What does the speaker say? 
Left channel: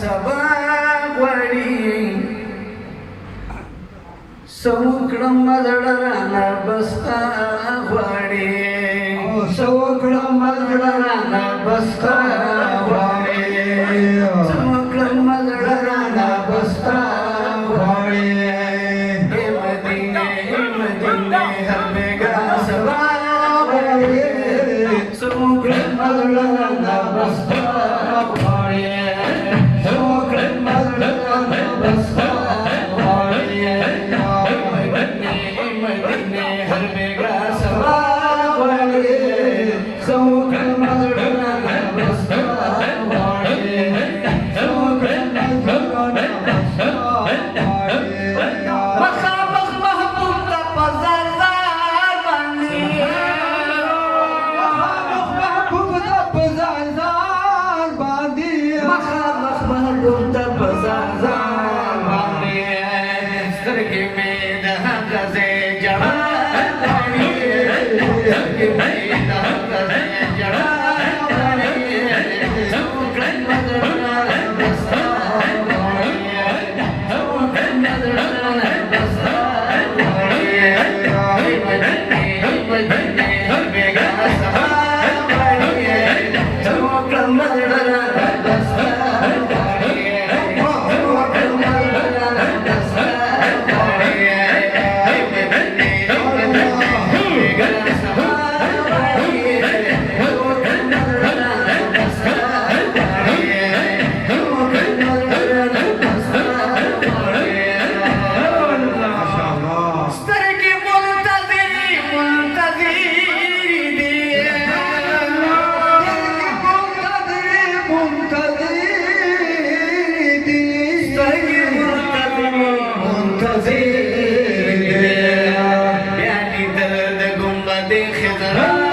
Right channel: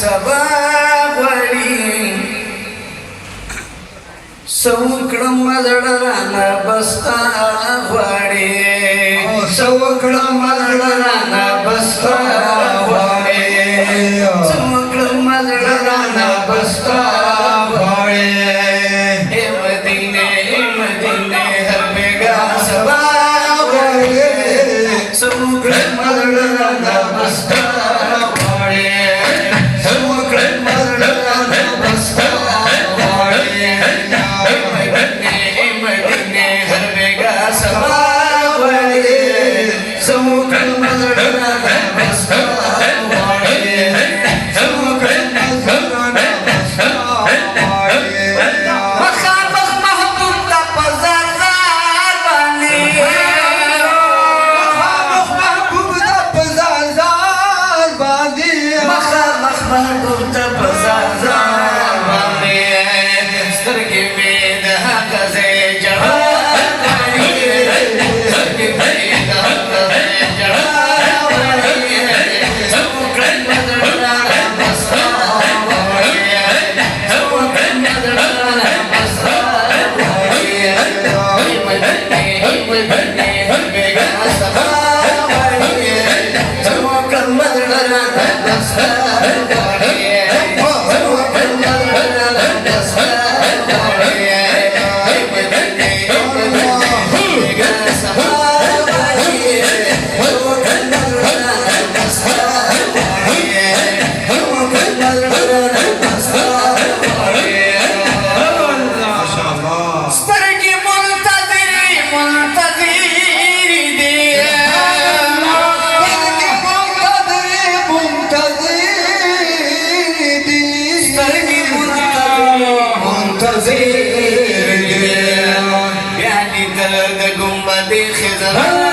سبا غواړي سوکړم مزړه رانه بستا غواړي سوکړم مزړه رانه بستا غواړي سوکړم مزړه رانه بستا غواړي اے مدینه هر بیگا سبا غواړي سوکړم مزړه رانه بستا خزر